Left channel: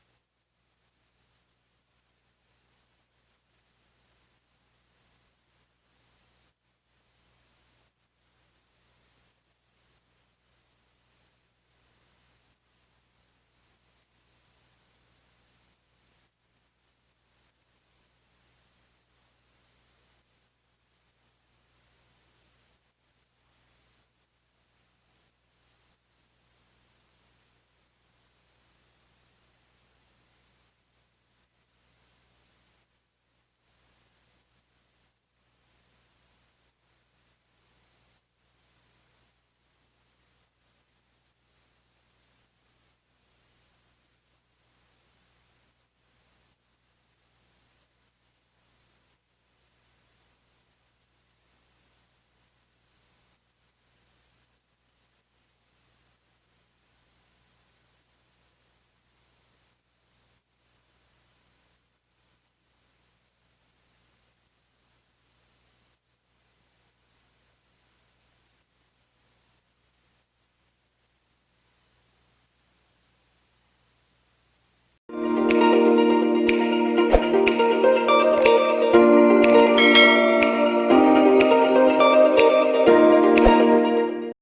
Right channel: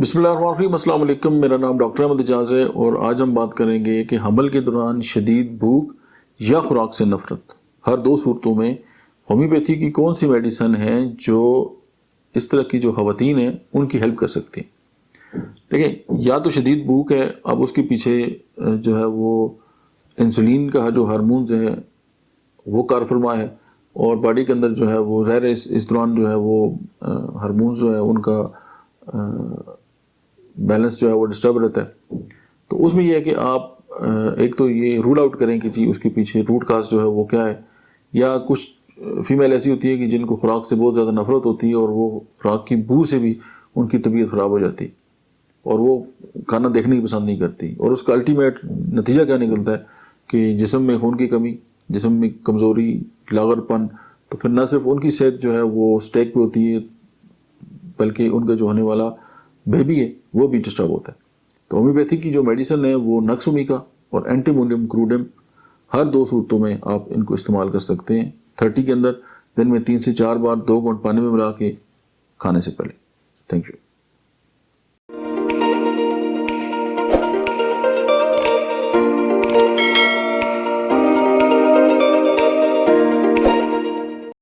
بسم اللہ الرحمن الرحیم، السلام علیکم۔ میرا نام ڈاکٹر احمد اعجاز ہے اور آج ہم بات کریں گے کہ حمل کے دوران شدید بھوک یا خوراک سے نفرت، ہر دو صورتوں میں ہومیوپیتھی کی کون سی میڈیسن ہے جو اس طرح کی جو خواتین ہیں ان کی ہیلپ کر سکتی ہیں۔ دیکھیں، یا تو شدید بھوک ہے، اب اس کے پیچھے جو ہے وہ انسولین کا جو ہارمونز ہے وہ کار فرما ہے، اور باڈی کے اندر جو ہے وہ ظاہر ہے اس دوران جو ہے وہ ہارمونز جو ہے ان کا بیلنس جو ہے وہ ڈسٹرب رہتا ہے۔ تو اس میں یہ ہے کہ آپ ایک تو یہ رول آؤٹ کریں کہ جی اس کے پیچھے روٹ کاز جو ہے وہ کیا ہے، یا کچھ فیمیل ایسی ہوتی ہے کہ جن کو خوراک سے بہت زیادہ نفرت ہوتی ہے اور وہ خوراک کی بو سے بھی ان کی طبیعت خراب ہو جاتی اور وہ کھانا دیکھنے کی پسند نہیں کرتی، اور اس کا الٹیمیٹ نتیجہ کیا نکلتا ہے کہ جسم میں خون کی کمی، جسم میں کمزوری، لاغر پن، تو پھر نہ صرف ان کی صحت جو ہے وہ سٹیک پہ ہوتی ہے بلکہ ان کا جو ہونے والا بیبی ہے وہ بھی ڈسٹرب ہوتا ہے۔ تو ہومیوپیتھی کی جو میڈیسن ہے وہ نکس اومیکا اور اینٹی مونیم کروڈم، ہر دو صورتوں میں آپ ان کو استعمال کر سکتے ہیں 30 کے اندر، دن میں 3 سے 4 بار 2 گھونٹ پانی میں ملا کے کھانے سے پہلے۔ Thank you.